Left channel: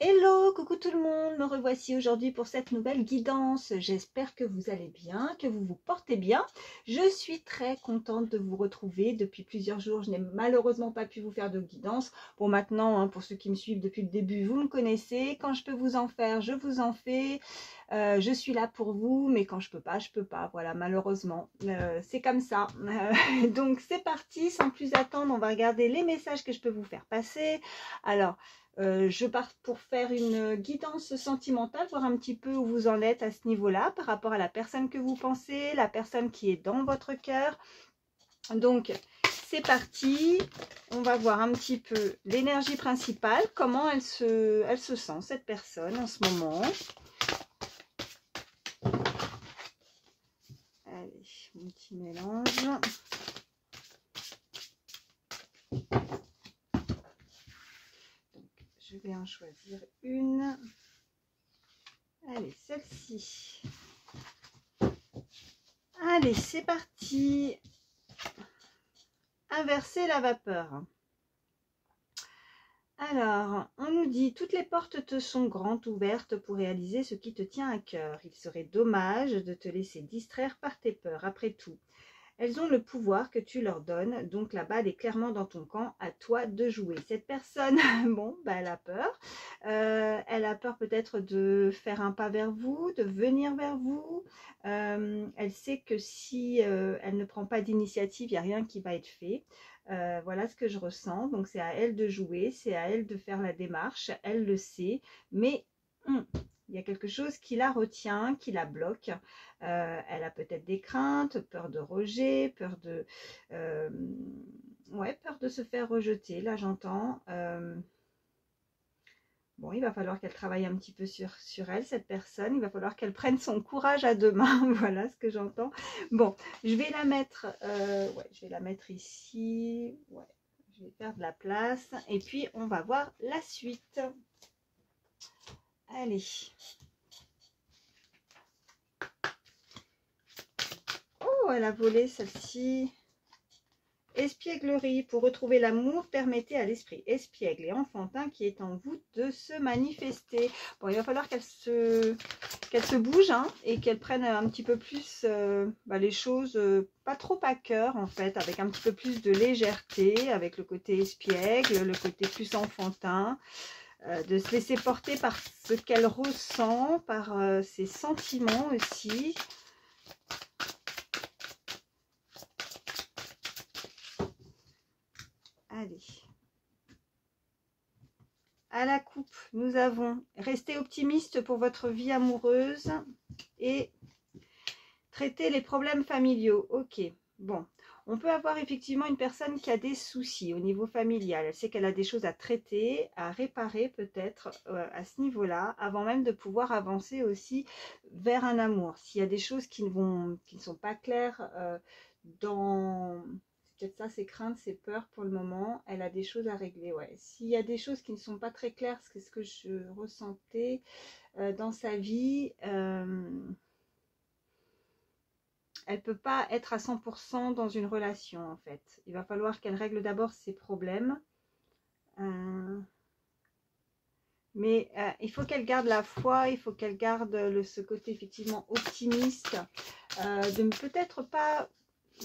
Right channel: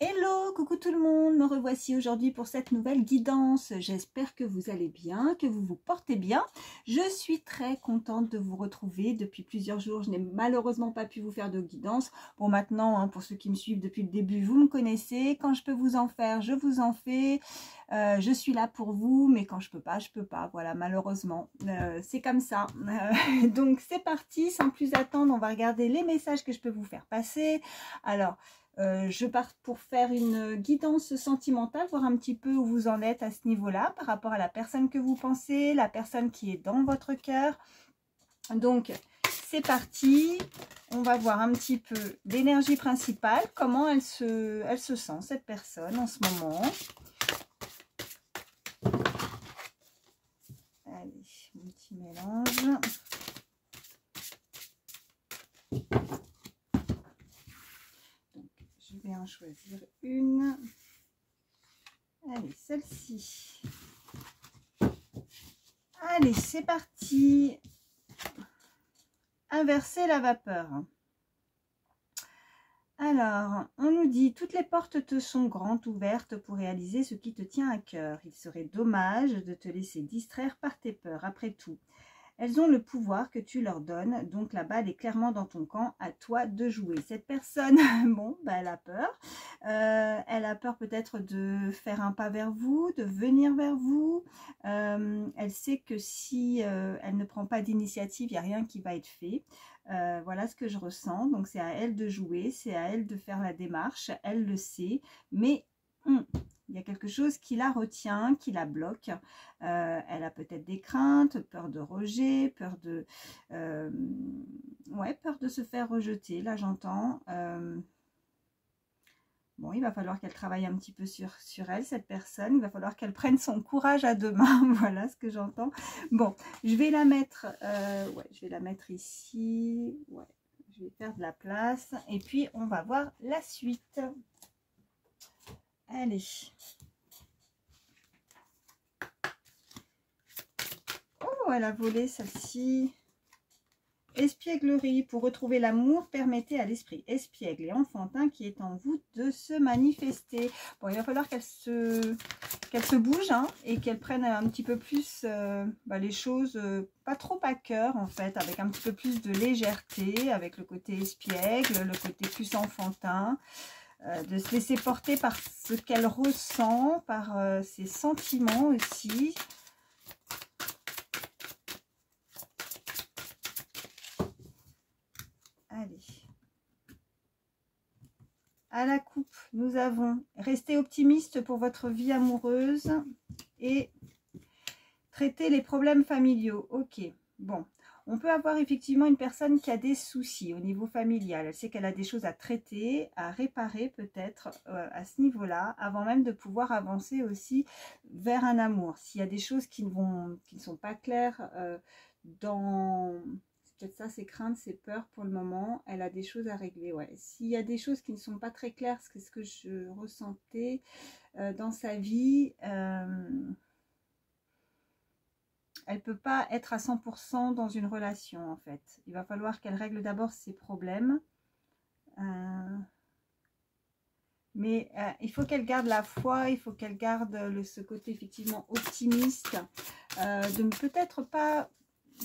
Hello, coucou tout le monde, me revoici aujourd'hui pour cette nouvelle guidance. J'espère que vous allez bien, que vous vous portez bien. Je suis très contente de vous retrouver. Depuis plusieurs jours, je n'ai malheureusement pas pu vous faire de guidance. Bon, maintenant, pour ceux qui me suivent depuis le début, vous me connaissez. Quand je peux vous en faire, je vous en fais. Je suis là pour vous, mais quand je peux pas, je peux pas. Voilà, malheureusement, c'est comme ça. Donc, c'est parti, sans plus attendre, on va regarder les messages que je peux vous faire passer. Alors, je pars pour faire une guidance sentimentale, voir un petit peu où vous en êtes à ce niveau-là, par rapport à la personne que vous pensez, la personne qui est dans votre cœur. Donc, c'est parti. On va voir un petit peu l'énergie principale, comment elle se sent, cette personne, en ce moment. Allez, mon petit mélange. Je vais en choisir une. Allez, celle-ci. Allez, c'est parti. Inverser la vapeur. Alors, on nous dit, toutes les portes te sont grandes ouvertes pour réaliser ce qui te tient à cœur. Il serait dommage de te laisser distraire par tes peurs. Après tout, elles ont le pouvoir que tu leur donnes, donc la balle est clairement dans ton camp, à toi de jouer. Cette personne, bon, bah, elle a peur. Elle a peur peut-être de faire un pas vers vous, de venir vers vous. Elle sait que si elle ne prend pas d'initiative, il n'y a rien qui va être fait. Voilà ce que je ressens. Donc c'est à elle de jouer, c'est à elle de faire la démarche. Elle le sait, mais il y a quelque chose qui la retient, qui la bloque. Elle a peut-être des craintes, peur de rejet, peur de, ouais, peur de se faire rejeter. Là, j'entends. Bon, il va falloir qu'elle travaille un petit peu sur elle, cette personne. Il va falloir qu'elle prenne son courage à deux mains. Voilà ce que j'entends. Bon, je vais la mettre, ouais, je vais la mettre ici. Ouais, je vais faire de la place. Et puis, on va voir la suite. Allez. Oh, elle a volé celle-ci. Espièglerie, pour retrouver l'amour, permettez à l'esprit espiègle et enfantin qui est en vous de se manifester. Bon, il va falloir qu'elle se bouge et qu'elle prenne un petit peu plus les choses, pas trop à cœur en fait, avec un petit peu plus de légèreté, avec le côté espiègle, le côté plus enfantin, de se laisser porter par ce qu'elle ressent, par ses sentiments aussi. Allez. À la coupe, nous avons resté optimiste pour votre vie amoureuse et traiter les problèmes familiaux. Ok, bon. On peut avoir effectivement une personne qui a des soucis au niveau familial. Elle sait qu'elle a des choses à traiter, à réparer peut-être à ce niveau-là, avant même de pouvoir avancer aussi vers un amour. S'il y a des choses qui ne sont pas claires dans... peut-être ça, ses craintes, ses peurs pour le moment. Elle a des choses à régler, ouais. S'il y a des choses qui ne sont pas très claires, c'est ce que je ressentais dans sa vie, elle ne peut pas être à 100% dans une relation, en fait. Il va falloir qu'elle règle d'abord ses problèmes. Mais il faut qu'elle garde la foi, il faut qu'elle garde ce côté effectivement optimiste, de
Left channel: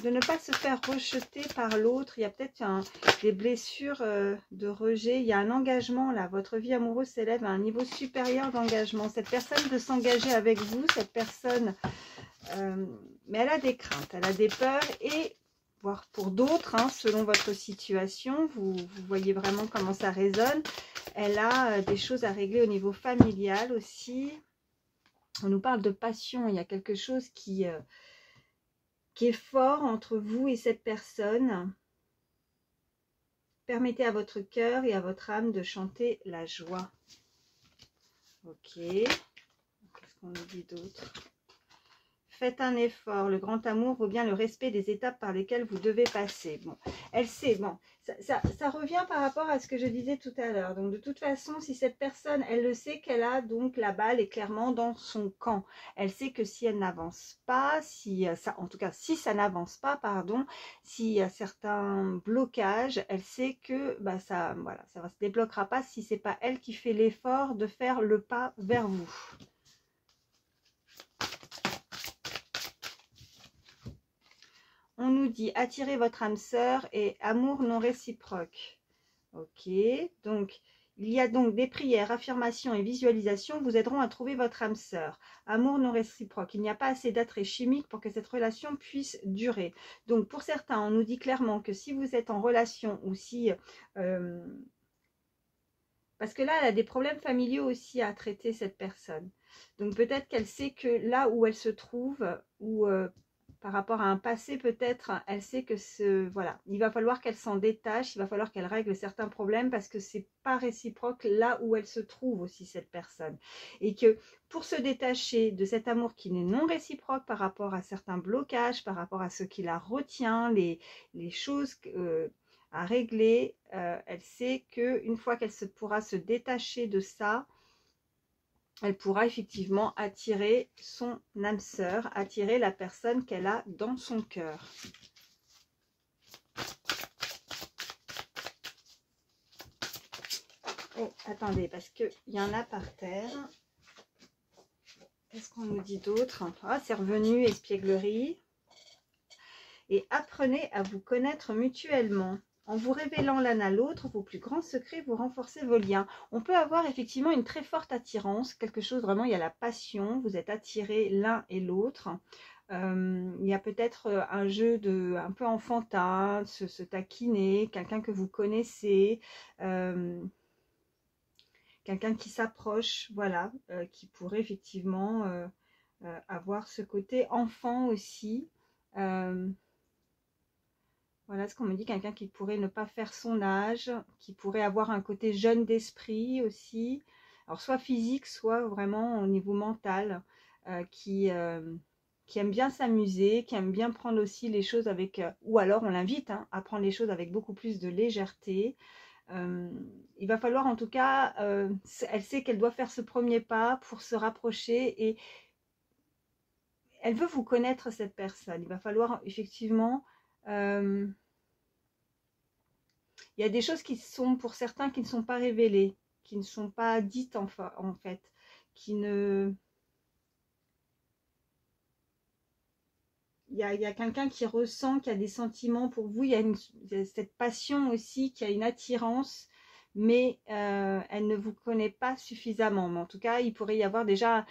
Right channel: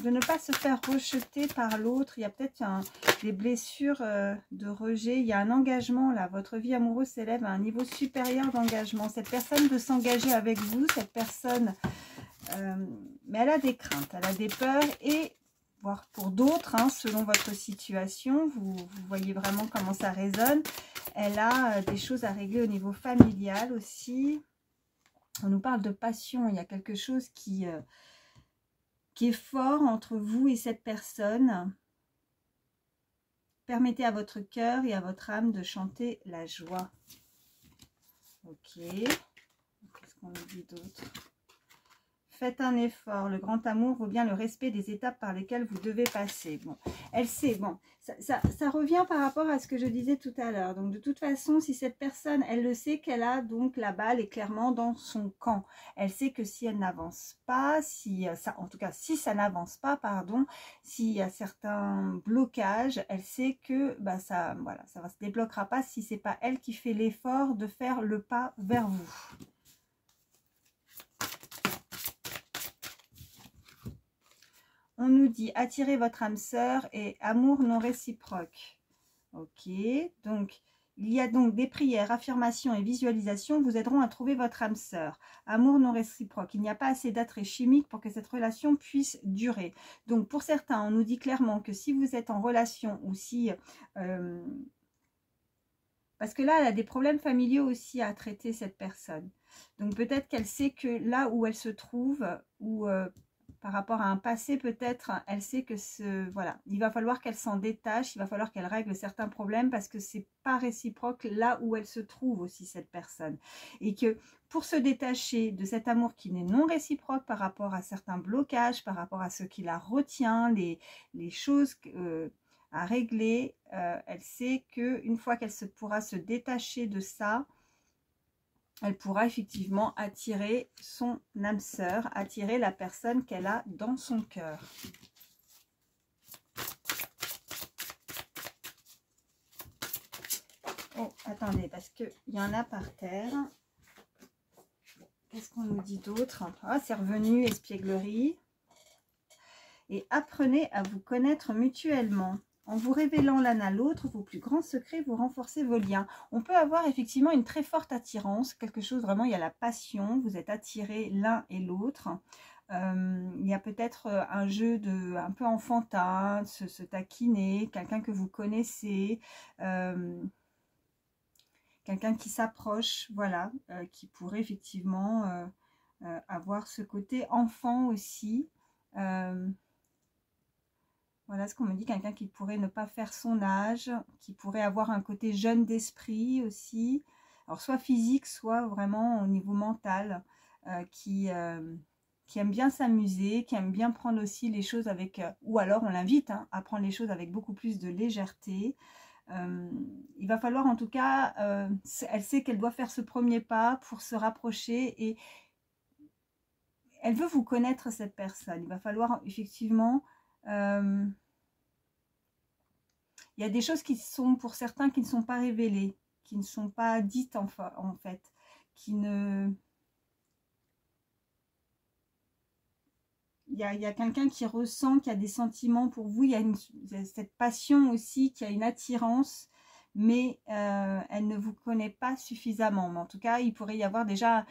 ne pas se faire rejeter par l'autre. Il y a peut-être des blessures de rejet. Il y a un engagement là. Votre vie amoureuse s'élève à un niveau supérieur d'engagement. Cette personne veut s'engager avec vous. Cette personne, mais elle a des craintes, elle a des peurs et voire pour d'autres, selon votre situation, vous voyez vraiment comment ça résonne. Elle a des choses à régler au niveau familial aussi. On nous parle de passion. Il y a quelque chose qui est fort entre vous et cette personne. Permettez à votre cœur et à votre âme de chanter la joie. Ok. Qu'est-ce qu'on nous dit d'autre? Faites un effort. Le grand amour vaut bien le respect des étapes par lesquelles vous devez passer. Bon, elle sait. Bon, ça revient par rapport à ce que je disais tout à l'heure. Donc de toute façon, si cette personne, elle le sait qu'elle a donc la balle est clairement dans son camp. Elle sait que si elle n'avance pas, si ça, en tout cas si ça n'avance pas, pardon, s'il y a certains blocages, elle sait que bah, ça, voilà, ça va se débloquera pas si c'est pas elle qui fait l'effort de faire le pas vers vous. On nous dit attirer votre âme sœur et amour non réciproque. Ok, donc il y a donc des prières, affirmations et visualisations vous aideront à trouver votre âme sœur. Amour non réciproque. Il n'y a pas assez d'attrait chimique pour que cette relation puisse durer. Donc pour certains, on nous dit clairement que si vous êtes en relation ou si... parce que là, elle a des problèmes familiaux aussi à traiter, cette personne. Donc peut-être qu'elle sait que là où elle se trouve, ou par rapport à un passé, peut-être, elle sait que voilà, il va falloir qu'elle s'en détache, il va falloir qu'elle règle certains problèmes parce que c'est pas réciproque là où elle se trouve aussi, cette personne. Et que pour se détacher de cet amour qui n'est non réciproque par rapport à certains blocages, par rapport à ce qui la retient, les choses à régler, elle sait qu'une fois qu'elle pourra se détacher de ça, elle pourra effectivement attirer son âme sœur, attirer la personne qu'elle a dans son cœur. Oh, attendez, parce qu'il y en a par terre. Qu'est-ce qu'on nous dit d'autre? Ah, c'est revenu, espièglerie. Et apprenez à vous connaître mutuellement. En vous révélant l'un à l'autre vos plus grands secrets, vous renforcez vos liens. On peut avoir effectivement une très forte attirance, quelque chose vraiment, il y a la passion, vous êtes attirés l'un et l'autre. Il y a peut-être un jeu un peu enfantin, se taquiner, quelqu'un que vous connaissez, quelqu'un qui s'approche, voilà, qui pourrait effectivement avoir ce côté enfant aussi. Voilà ce qu'on me dit, quelqu'un qui pourrait ne pas faire son âge, qui pourrait avoir un côté jeune d'esprit aussi, alors soit physique, soit vraiment au niveau mental, qui aime bien s'amuser, qui aime bien prendre aussi les choses avec, ou alors on l'invite à prendre les choses avec beaucoup plus de légèreté. Il va falloir en tout cas, elle sait qu'elle doit faire ce premier pas pour se rapprocher et elle veut vous connaître, cette personne. Il va falloir effectivement... il y a des choses qui sont, pour certains, qui ne sont pas révélées, qui ne sont pas dites en fait, qui ne... Il y a quelqu'un qui ressent, qui a des sentiments pour vous, il y a cette passion aussi, qui a une attirance, mais elle ne vous connaît pas suffisamment. Mais en tout cas, il pourrait y avoir déjà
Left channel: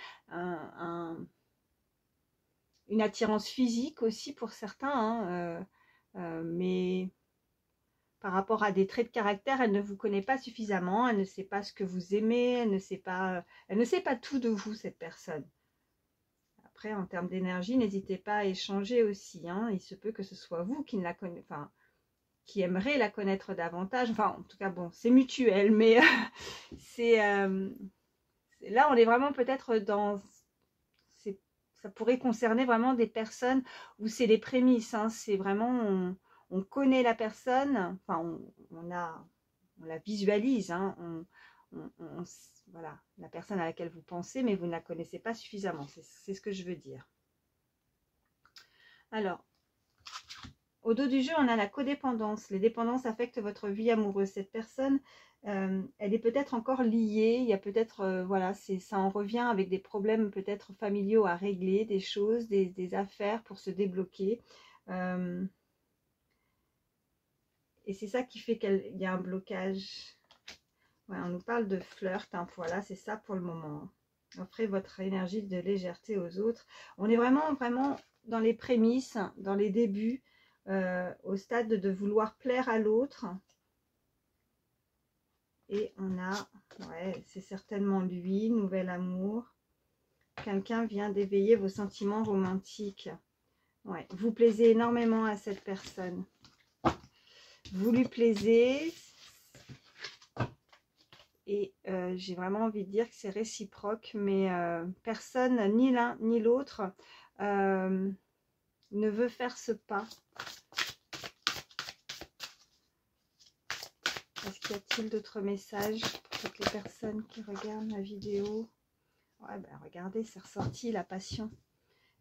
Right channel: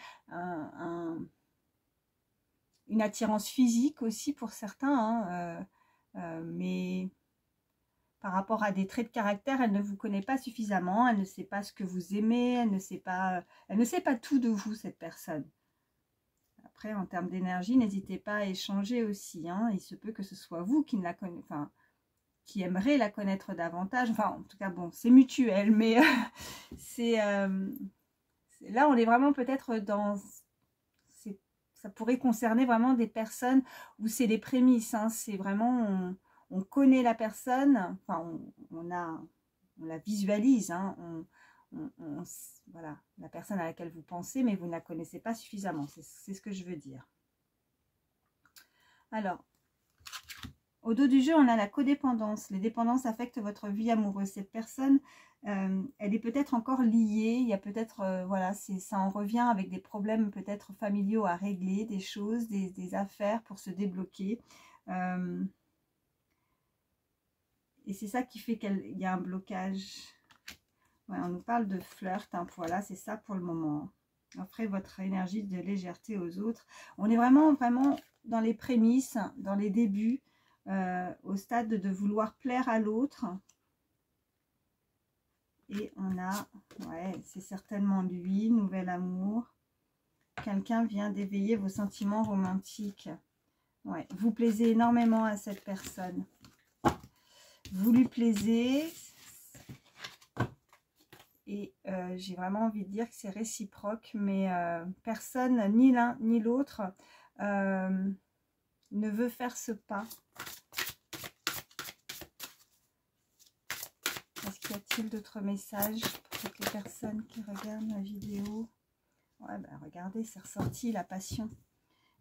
une attirance physique aussi pour certains, mais... Par rapport à des traits de caractère, elle ne vous connaît pas suffisamment, elle ne sait pas ce que vous aimez, elle ne sait pas tout de vous, cette personne. Après, en termes d'énergie, n'hésitez pas à échanger aussi. Il se peut que ce soit vous qui ne la connaissez, enfin, qui aimerez la connaître davantage. Enfin, en tout cas, bon, c'est mutuel, mais là, on est vraiment peut-être dans... Ça pourrait concerner vraiment des personnes où c'est les prémices. C'est vraiment... On connaît la personne, enfin on la visualise, voilà, la personne à laquelle vous pensez, mais vous ne la connaissez pas suffisamment, c'est ce que je veux dire. Alors, au dos du jeu, on a la codépendance. Les dépendances affectent votre vie amoureuse. Cette personne, elle est peut-être encore liée, il y a peut-être, voilà, ça en revient avec des problèmes peut-être familiaux à régler, des choses, des affaires pour se débloquer. Et c'est ça qui fait qu'il y a un blocage. Ouais, on nous parle de flirt. Voilà, c'est ça pour le moment. Offrez votre énergie de légèreté aux autres. On est vraiment dans les prémices, dans les débuts, au stade de vouloir plaire à l'autre. Et on a, ouais, c'est certainement lui, nouvel amour. Quelqu'un vient d'éveiller vos sentiments romantiques. Ouais, vous plaisez énormément à cette personne. Vous lui plaisez et j'ai vraiment envie de dire que c'est réciproque, mais personne, ni l'un ni l'autre, ne veut faire ce pas. Qu'y a-t-il d'autres messages pour toutes les personnes qui regardent la vidéo? Ouais, ben regardez, c'est ressorti la passion.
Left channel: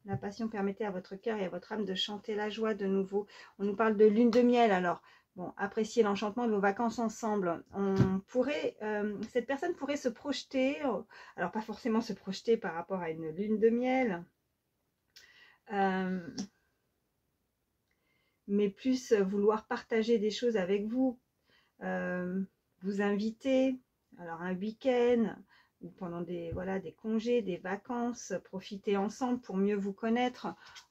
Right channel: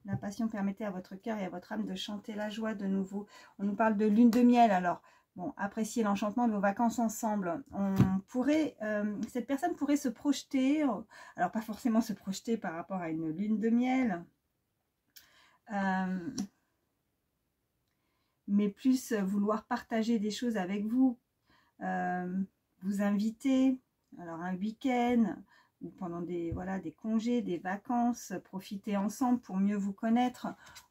La passion permettait à votre cœur et à votre âme de chanter la joie de nouveau. On nous parle de lune de miel, alors. Bon, appréciez l'enchantement de vos vacances ensemble. Cette personne pourrait se projeter, alors pas forcément se projeter par rapport à une lune de miel, mais plus vouloir partager des choses avec vous, vous inviter, alors un week-end, ou pendant des congés, des vacances, profiter ensemble pour mieux vous connaître.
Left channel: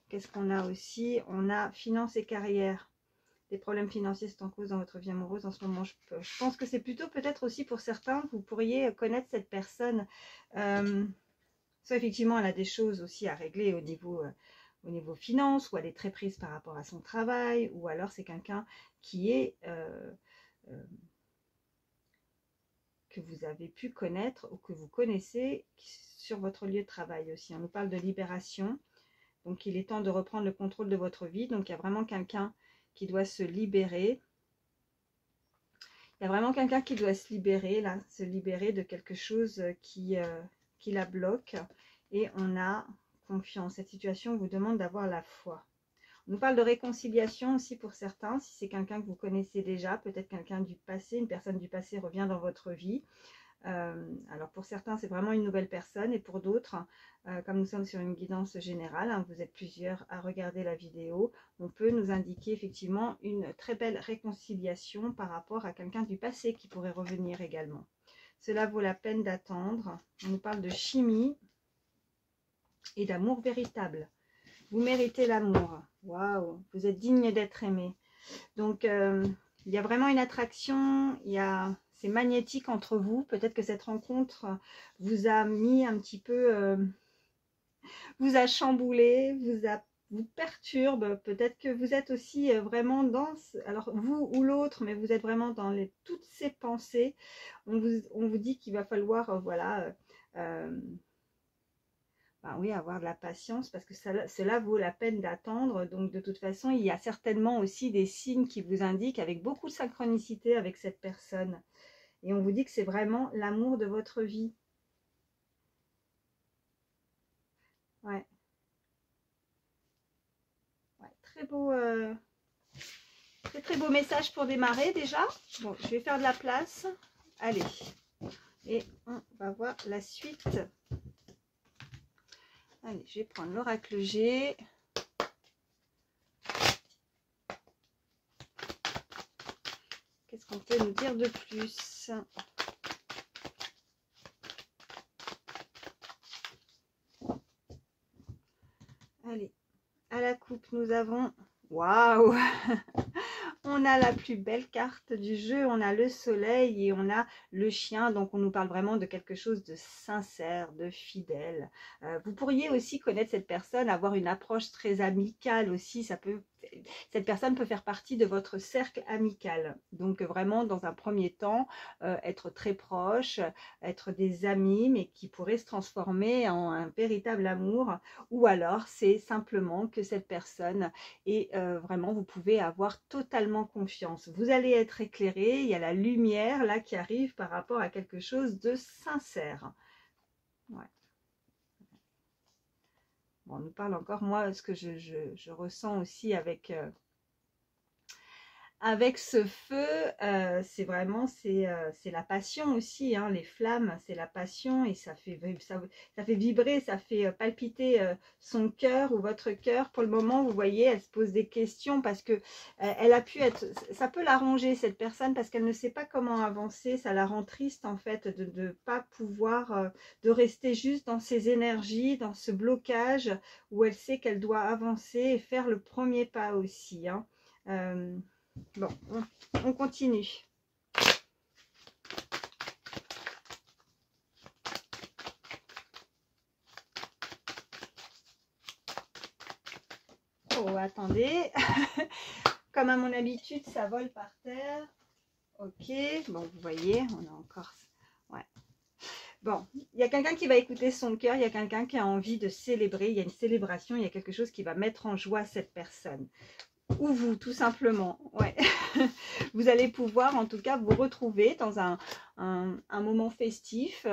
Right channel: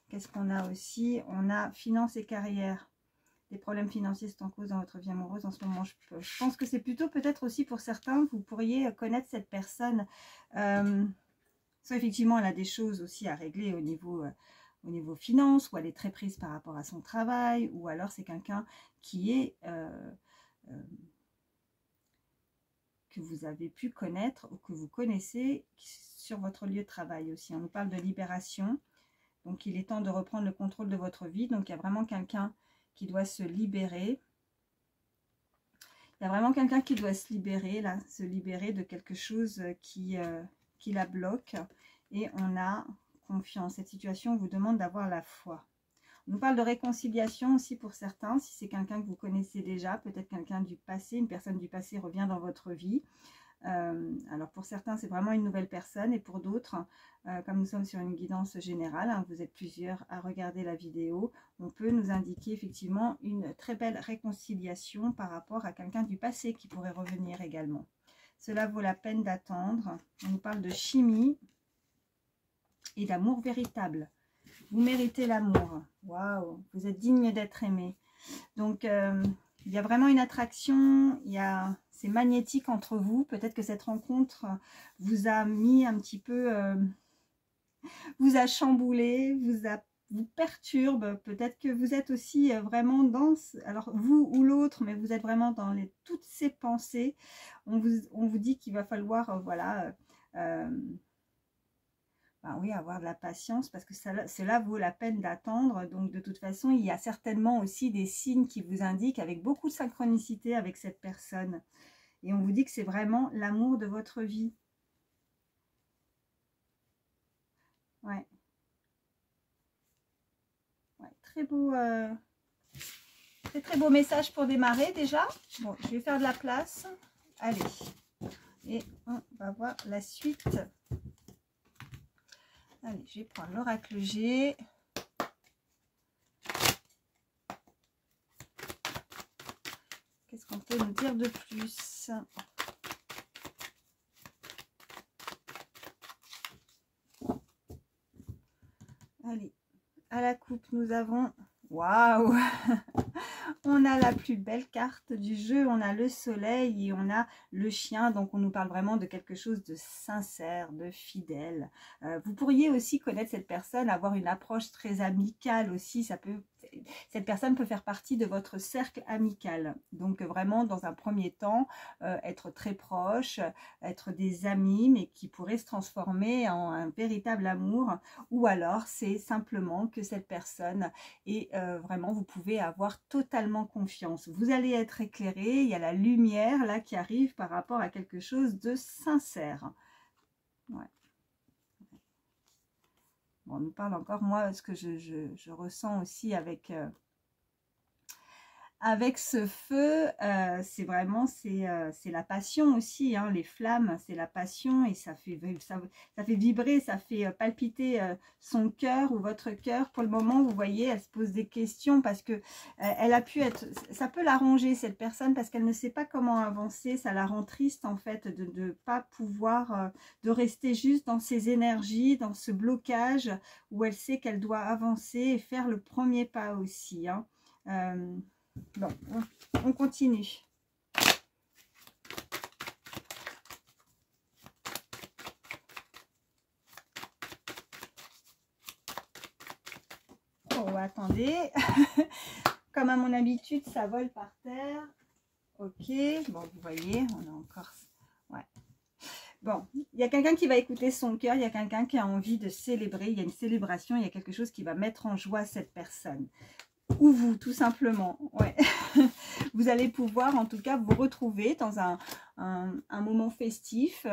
Qu'est-ce qu'on a aussi? On a finances et carrière. Des problèmes financiers sont en cause dans votre vie amoureuse en ce moment. Je pense que c'est plutôt peut-être aussi pour certains, vous pourriez connaître cette personne. Soit effectivement, elle a des choses aussi à régler au niveau finance, ou elle est très prise par rapport à son travail, ou alors c'est quelqu'un qui est que vous avez pu connaître ou que vous connaissez sur votre lieu de travail aussi. On nous parle de libération. Donc, il est temps de reprendre le contrôle de votre vie. Donc, il y a vraiment quelqu'un qui doit se libérer. Il y a vraiment quelqu'un qui doit se libérer, là, se libérer de quelque chose qui la bloque. Et on a confiance. Cette situation vous demande d'avoir la foi. On nous parle de réconciliation aussi pour certains. Si c'est quelqu'un que vous connaissez déjà, peut-être quelqu'un du passé, une personne du passé revient dans votre vie. Alors pour certains, c'est vraiment une nouvelle personne. Et pour d'autres, comme nous sommes sur une guidance générale, hein, vous êtes plusieurs à regarder la vidéo, on peut nous indiquer effectivement une très belle réconciliation par rapport à quelqu'un du passé qui pourrait revenir également. Cela vaut la peine d'attendre. On nous parle de chimie et d'amour véritable. Vous méritez l'amour. Waouh, vous êtes digne d'être aimé. Donc, il y a vraiment une attraction, c'est magnétique entre vous. Peut-être que cette rencontre vous a mis un petit peu, vous a chamboulé, vous perturbe. Peut-être que vous êtes aussi vraiment dans, alors vous ou l'autre, mais vous êtes vraiment dans toutes ces pensées. On vous dit qu'il va falloir, voilà, oui, avoir de la patience parce que cela vaut la peine d'attendre. Donc de toute façon, il y a certainement aussi des signes qui vous indiquent avec beaucoup de synchronicité avec cette personne. Et on vous dit que c'est vraiment l'amour de votre vie. Ouais. Ouais, très beau, très beau message pour démarrer déjà. Bon, je vais faire de la place. Allez. Et on va voir la suite. Allez, je vais prendre l'oracle G. Qu'est-ce qu'on peut nous dire de plus? Allez, à la coupe, nous avons... Waouh! On a la plus belle carte du jeu, on a le soleil et on a le chien. Donc on nous parle vraiment de quelque chose de sincère, de fidèle. Vous pourriez aussi connaître cette personne, avoir une approche très amicale aussi. Cette personne peut faire partie de votre cercle amical. Donc vraiment dans un premier temps, être très proche, être des amis, mais qui pourrait se transformer en un véritable amour. Ou alors c'est simplement que cette personne est vraiment, vous pouvez avoir totalement confiance. Vous allez être éclairé, il y a la lumière là qui arrive par rapport à quelque chose de sincère. Ouais. Bon, on nous parle encore, moi, ce que je ressens aussi avec ce feu, c'est vraiment, c'est la passion aussi, hein, les flammes, c'est la passion et ça fait vibrer, ça fait palpiter son cœur ou votre cœur. Pour le moment, vous voyez, elle se pose des questions parce que elle a pu être, ça peut l'arranger cette personne parce qu'elle ne sait pas comment avancer, ça la rend triste en fait de ne pas pouvoir, de rester juste dans ses énergies, dans ce blocage où elle sait qu'elle doit avancer et faire le premier pas aussi, hein. Bon, on continue. Oh, attendez. Comme à mon habitude, ça vole par terre. Ok, bon, vous voyez, on a encore... Ouais. Bon, il y a quelqu'un qui va écouter son cœur, il y a quelqu'un qui a envie de célébrer, il y a une célébration, il y a quelque chose qui va mettre en joie cette personne. ou vous, tout simplement. Ouais. Vous allez pouvoir, en tout cas, vous retrouver dans un moment festif,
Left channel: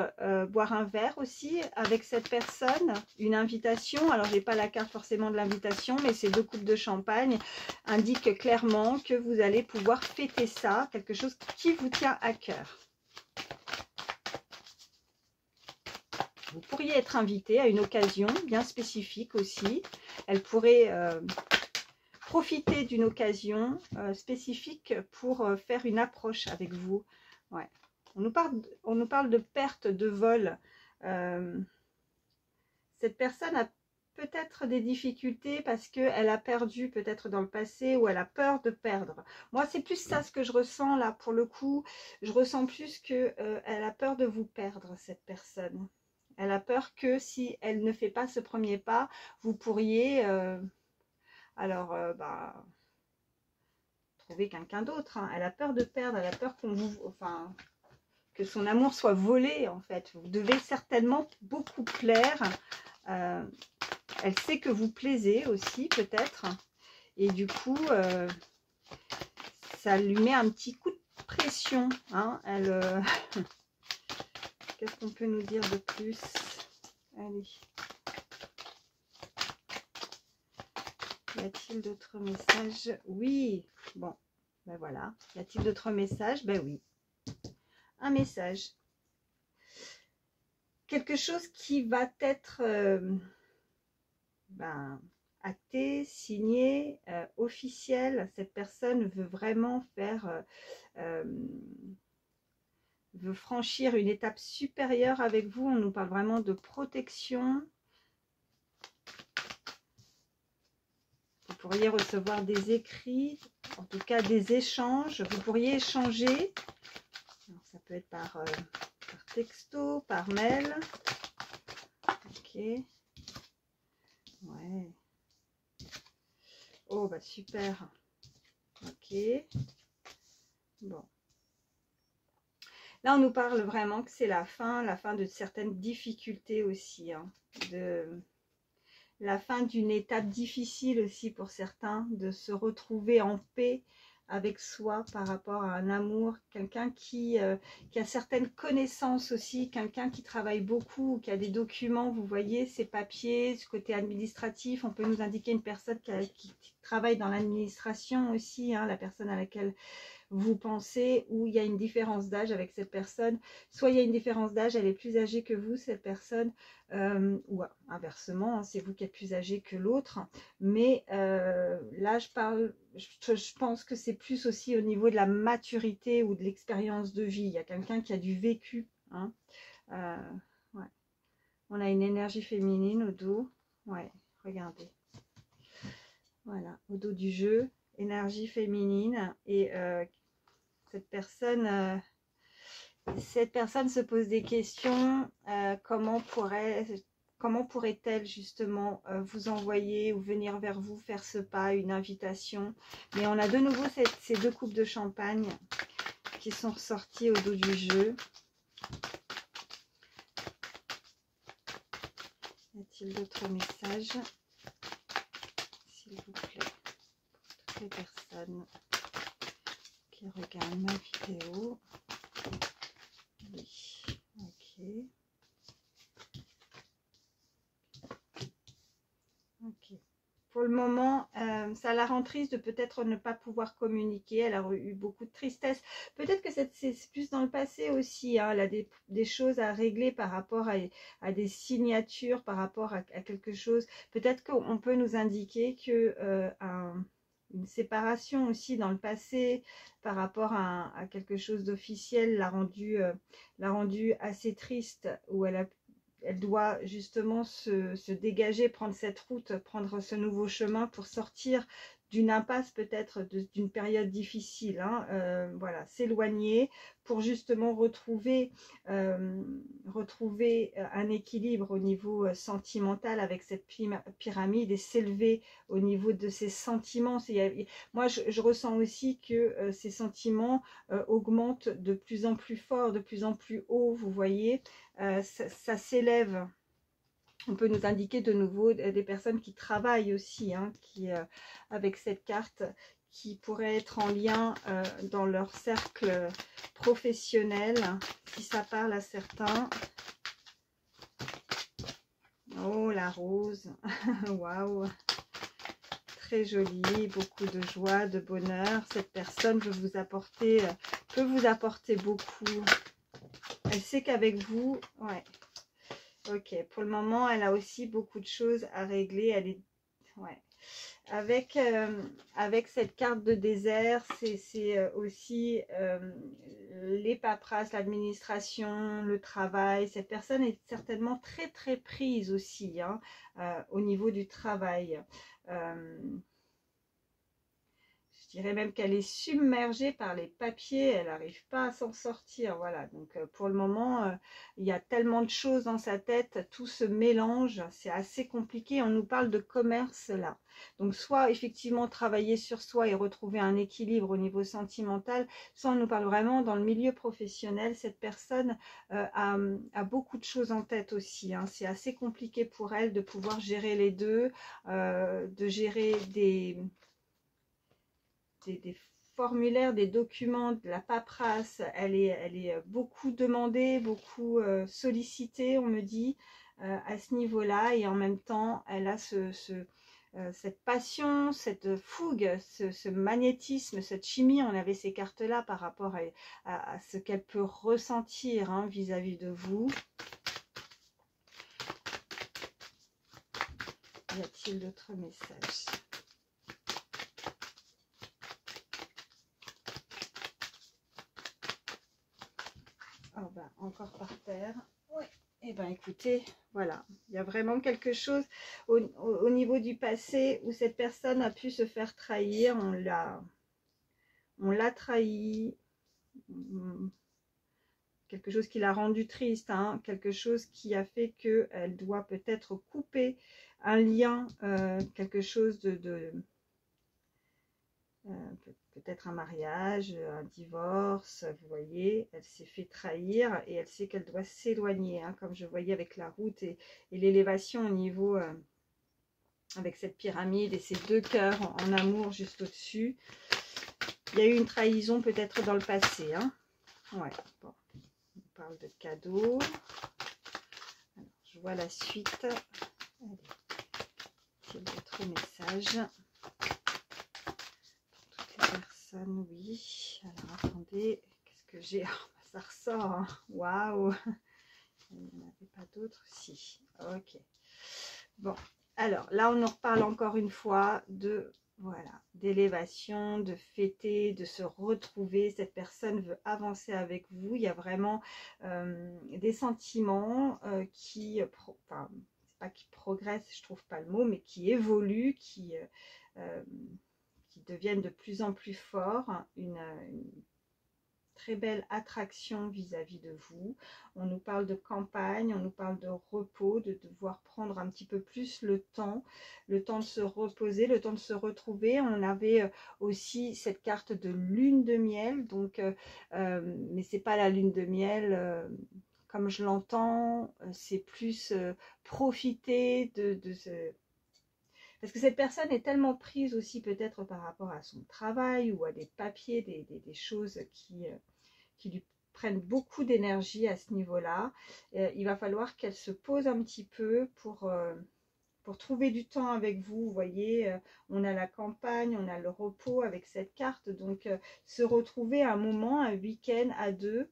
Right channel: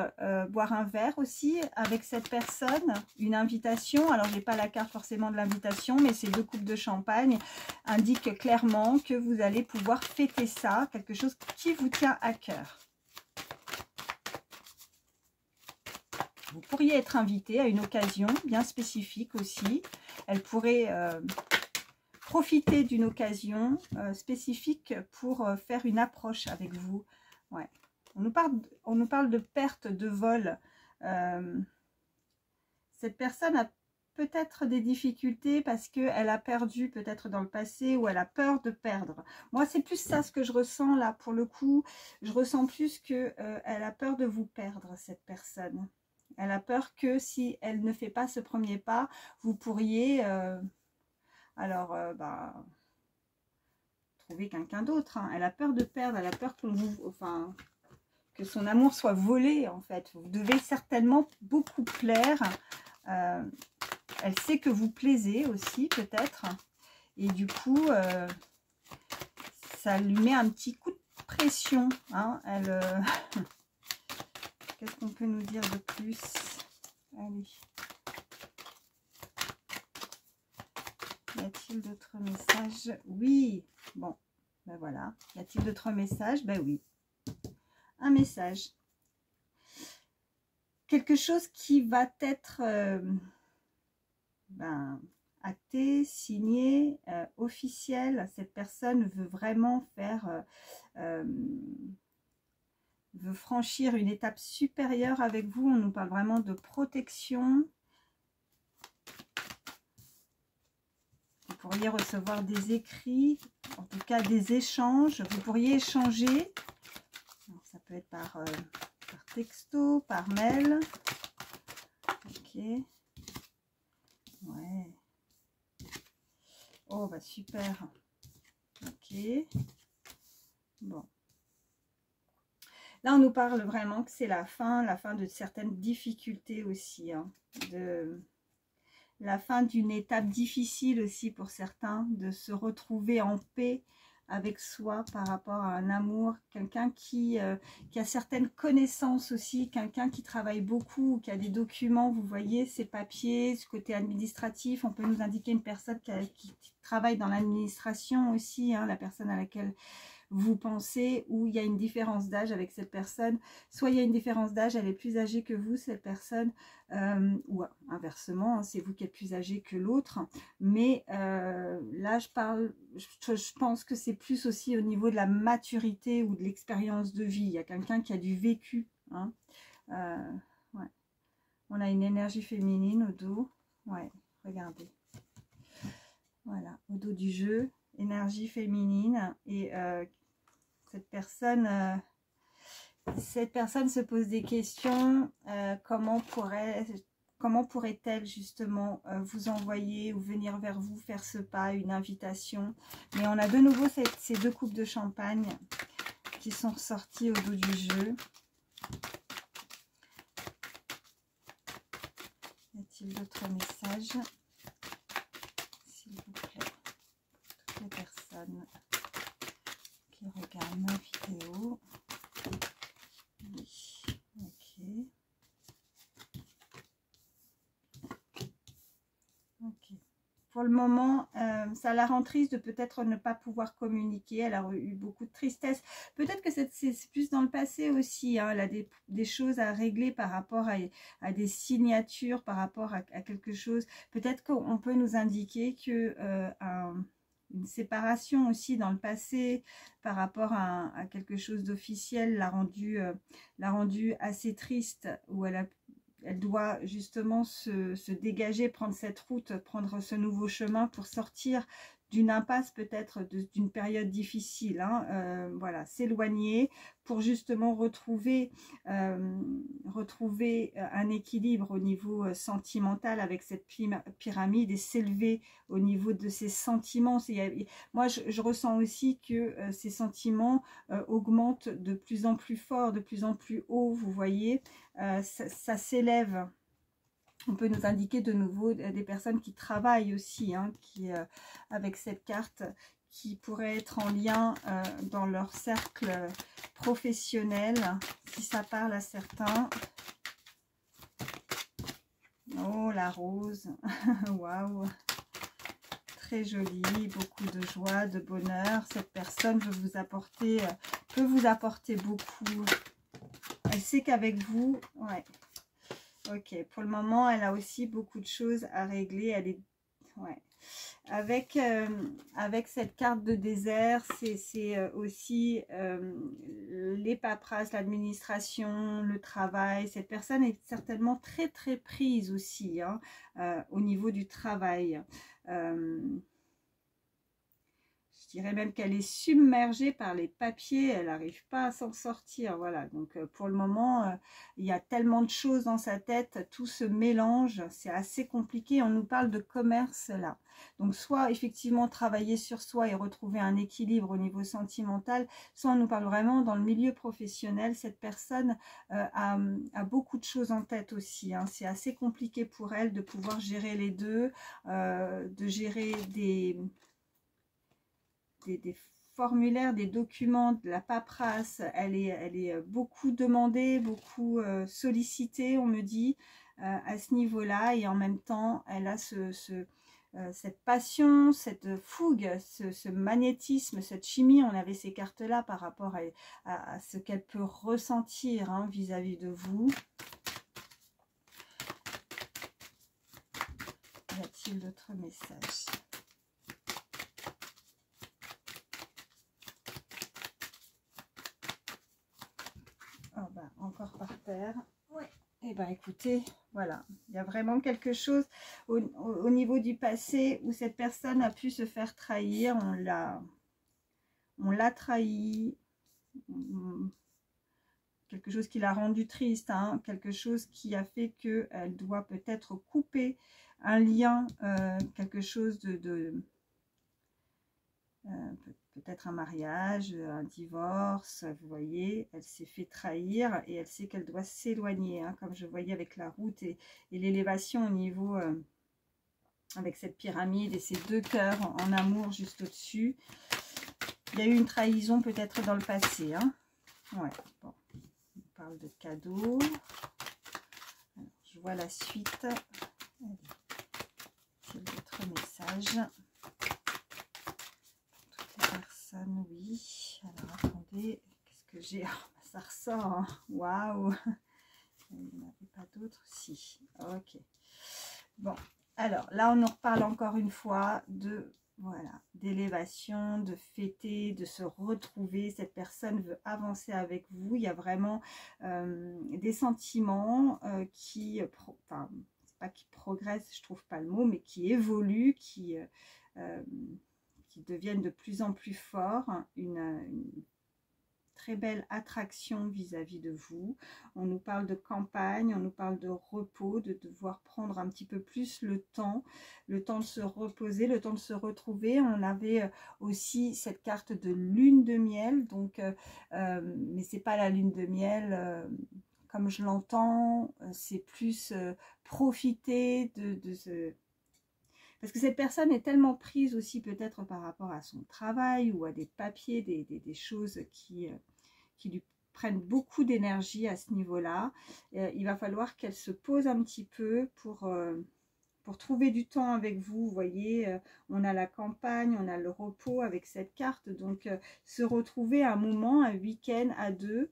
boire un verre aussi avec cette personne, une invitation. Alors, j'ai pas la carte forcément de l'invitation, mais ces 2 coupes de champagne indiquent clairement que vous allez pouvoir fêter ça, quelque chose qui vous tient à cœur. Vous pourriez être invité à une occasion bien spécifique aussi. Elle pourrait profiter d'une occasion spécifique pour faire une approche avec vous. Ouais. On nous parle de perte de vol. Cette personne a peut-être des difficultés parce qu'elle a perdu peut-être dans le passé ou elle a peur de perdre. Moi, c'est plus ça ce que je ressens là pour le coup. Je ressens plus que elle a peur de vous perdre, cette personne. Elle a peur que si elle ne fait pas ce premier pas, vous pourriez trouver quelqu'un d'autre. Hein. Elle a peur de perdre, elle a peur que son amour soit volé en fait. Vous devez certainement beaucoup plaire. Elle sait que vous plaisez aussi peut-être. Et du coup, ça lui met un petit coup de pression. Hein. Qu'est-ce qu'on peut nous dire de plus? Allez. Y a-t-il d'autres messages? Oui. Bon, ben voilà. Y a-t-il d'autres messages? Ben oui. Un message. Quelque chose qui va être acté, signé, officiel. Cette personne veut vraiment veut franchir une étape supérieure avec vous. On nous parle vraiment de protection. Vous pourriez recevoir des écrits, en tout cas des échanges. Vous pourriez échanger. Alors, ça peut être par texto, par mail. Ok. Ouais. Oh, bah super. Ok. Bon. Là, on nous parle vraiment que c'est la fin de certaines difficultés aussi. Hein, la fin d'une étape difficile aussi pour certains, de se retrouver en paix avec soi par rapport à un amour, quelqu'un qui a certaines connaissances aussi, quelqu'un qui travaille beaucoup, qui a des documents, vous voyez, ces papiers, ce côté administratif, on peut nous indiquer une personne qui travaille dans l'administration aussi, hein, la personne à laquelle vous pensez, ou il y a une différence d'âge avec cette personne, soit il y a une différence d'âge, elle est plus âgée que vous, cette personne, ou inversement, hein, c'est vous qui êtes plus âgé que l'autre, mais là je pense que c'est plus aussi au niveau de la maturité ou de l'expérience de vie, il y a quelqu'un qui a du vécu, hein. Ouais. On a une énergie féminine au dos, ouais, regardez, voilà, au dos du jeu, énergie féminine, et cette personne se pose des questions. Comment pourrait-elle justement vous envoyer ou venir vers vous, faire ce pas, une invitation? Mais on a de nouveau ces 2 coupes de champagne qui sont ressorties au dos du jeu. Y a-t-il d'autres messages, s'il vous plaît, pour toutes les personnes qui regardent ma vidéo? Oui, ok. Ok. Pour le moment, ça la rend triste de peut-être ne pas pouvoir communiquer. Elle a eu beaucoup de tristesse. Peut-être que c'est plus dans le passé aussi. Hein. Elle a des choses à régler par rapport à des signatures, par rapport à quelque chose. Peut-être qu'on peut nous indiquer que une séparation aussi dans le passé par rapport à quelque chose d'officiel l'a rendu assez triste, où elle doit justement se dégager, prendre cette route, prendre ce nouveau chemin pour sortir d'une impasse, peut-être d'une période difficile, hein, voilà, s'éloigner pour justement retrouver un équilibre au niveau sentimental avec cette pyramide et s'élever au niveau de ses sentiments. Moi, je ressens aussi que ces sentiments augmentent de plus en plus fort, de plus en plus haut, vous voyez. Ça s'élève On peut nous indiquer de nouveau des personnes qui travaillent aussi, hein, qui, avec cette carte, qui pourraient être en lien dans leur cercle professionnel, si ça parle à certains. Oh, la rose, waouh, très jolie, beaucoup de joie, de bonheur. Cette personne peut vous apporter beaucoup. Elle sait qu'avec vous, ouais. Ok, pour le moment, elle a aussi beaucoup de choses à régler. Elle est, ouais. Avec cette carte de désert, c'est aussi les paperasses, l'administration, le travail. Cette personne est certainement très très prise aussi, hein, au niveau du travail. Je dirais même qu'elle est submergée par les papiers, elle n'arrive pas à s'en sortir. Voilà, donc pour le moment, il y a tellement de choses dans sa tête, tout se mélange, c'est assez compliqué. On nous parle de commerce là. Donc soit effectivement travailler sur soi et retrouver un équilibre au niveau sentimental, soit on nous parle vraiment dans le milieu professionnel. Cette personne a beaucoup de choses en tête aussi, hein. C'est assez compliqué pour elle de pouvoir gérer les deux, de gérer des formulaires, des documents, de la paperasse. Elle est beaucoup demandée, beaucoup sollicitée, on me dit, à ce niveau-là. Et en même temps, elle a cette passion, cette fougue, ce magnétisme, cette chimie. On avait ces cartes-là par rapport à ce qu'elle peut ressentir, hein, vis-à-vis de vous. Y a-t-il d'autres messages ? Oh bah, encore par terre. Oui. Eh bien, écoutez, voilà. Il y a vraiment quelque chose au niveau du passé où cette personne a pu se faire trahir. On l'a trahi. Quelque chose qui l'a rendue triste, hein, quelque chose qui a fait qu'elle doit peut-être couper un lien, quelque chose peut-être un mariage, un divorce, vous voyez, elle s'est fait trahir et elle sait qu'elle doit s'éloigner, hein, comme je voyais avec la route et l'élévation au niveau, avec cette pyramide et ces deux cœurs en amour juste au-dessus. Il y a eu une trahison peut-être dans le passé, hein. Ouais, bon, on parle de cadeaux. Alors, je vois la suite. Allez, c'est d'autres messages. Personne, oui. Alors attendez, qu'est-ce que j'ai? Oh, ça ressort, hein. Waouh, il n'y en avait pas d'autres? Si, ok. Bon, alors là on nous reparle encore une fois de, voilà, d'élévation, de fêter, de se retrouver. Cette personne veut avancer avec vous. Il y a vraiment des sentiments qui, enfin, c'est pas qui progressent, je trouve pas le mot, mais qui évoluent, qui deviennent de plus en plus forts, une très belle attraction vis-à-vis de vous. On nous parle de campagne, on nous parle de repos, de devoir prendre un petit peu plus le temps de se reposer, le temps de se retrouver. On avait aussi cette carte de lune de miel, donc mais c'est pas la lune de miel comme je l'entends, c'est plus profiter de ce... Parce que cette personne est tellement prise aussi peut-être par rapport à son travail ou à des papiers, des choses qui lui prennent beaucoup d'énergie à ce niveau-là. Il va falloir qu'elle se pose un petit peu pour trouver du temps avec vous. Vous voyez, on a la campagne, on a le repos avec cette carte. Donc, se retrouver un moment, un week-end à deux,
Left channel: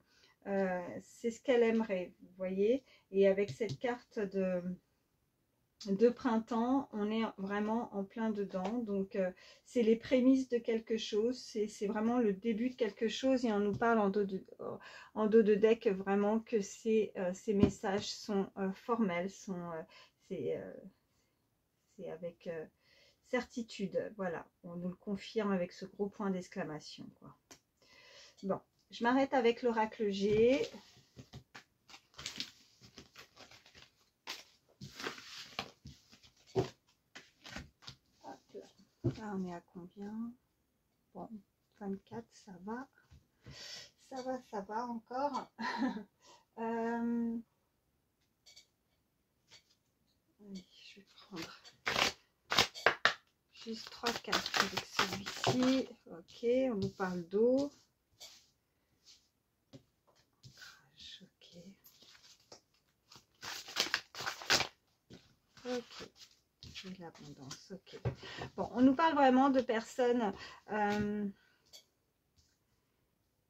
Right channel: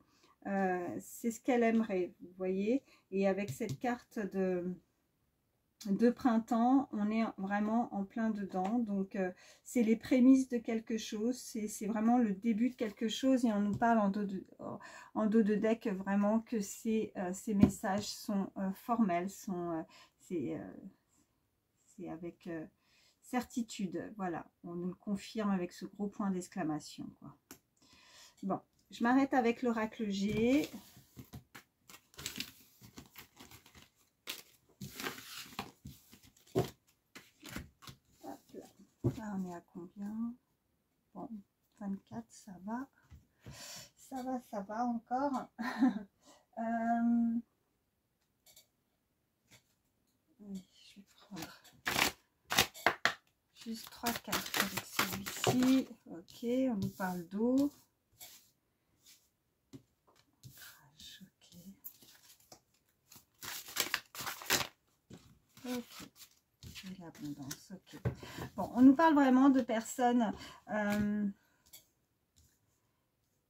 c'est ce qu'elle aimerait, vous voyez. Et avec cette carte de printemps, on est vraiment en plein dedans, donc c'est les prémices de quelque chose, c'est vraiment le début de quelque chose, et on nous parle en dos de deck vraiment que ces messages sont formels, c'est avec certitude, voilà, on nous le confirme avec ce gros point d'exclamation, quoi. Bon, je m'arrête avec l'oracle G. Là, on est à combien? Bon, 24, ça va. Ça va encore. Juste 3 cartes avec celui-ci. Ok, on nous parle d'eau. Ok. Ok. Et l'abondance. Ok. Bon, on nous parle vraiment de personnes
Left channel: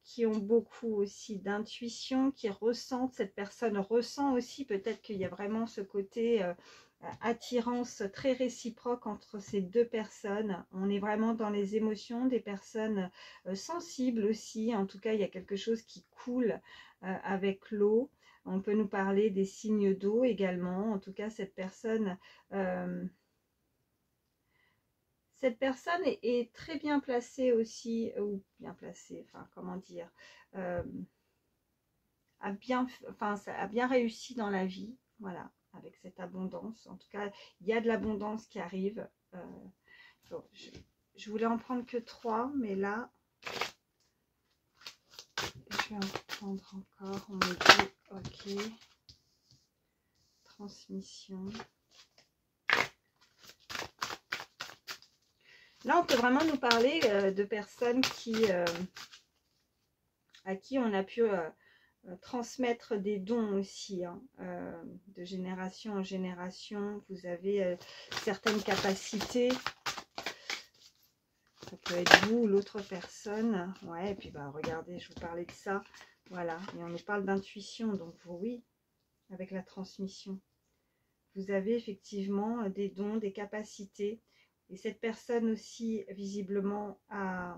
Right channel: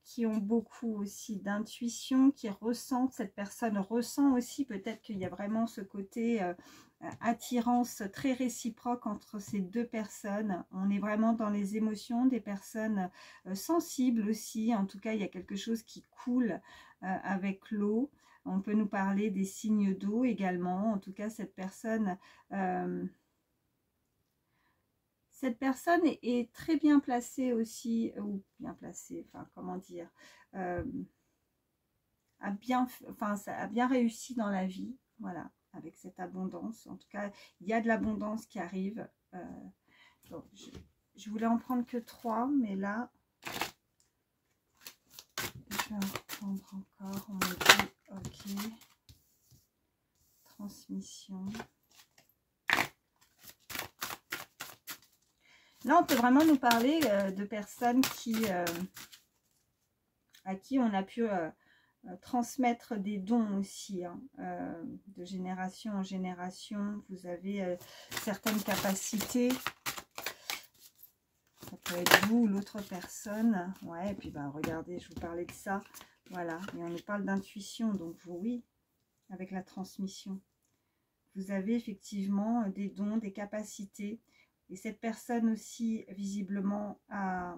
qui ont beaucoup aussi d'intuition, qui ressentent. Cette personne ressent aussi, peut-être qu'il y a vraiment ce côté attirance très réciproque entre ces deux personnes. On est vraiment dans les émotions, des personnes sensibles aussi. En tout cas, il y a quelque chose qui coule avec l'eau. On peut nous parler des signes d'eau également. En tout cas, cette personne est très bien placée aussi, ou bien placée, enfin comment dire, a bien réussi dans la vie, voilà, avec cette abondance. En tout cas, il y a de l'abondance qui arrive. Bon, je voulais en prendre que 3, mais là, je vais en prendre encore. On me dit, ok, transmission. Là, on peut vraiment nous parler de personnes à qui on a pu transmettre des dons aussi, hein, de génération en génération. Vous avez certaines capacités. Ça peut être vous ou l'autre personne. Ouais, et puis bah, regardez, je vous parlais de ça. Voilà, et on nous parle d'intuition. Donc oui, avec la transmission. Vous avez effectivement des dons, des capacités. Et cette personne aussi, visiblement, a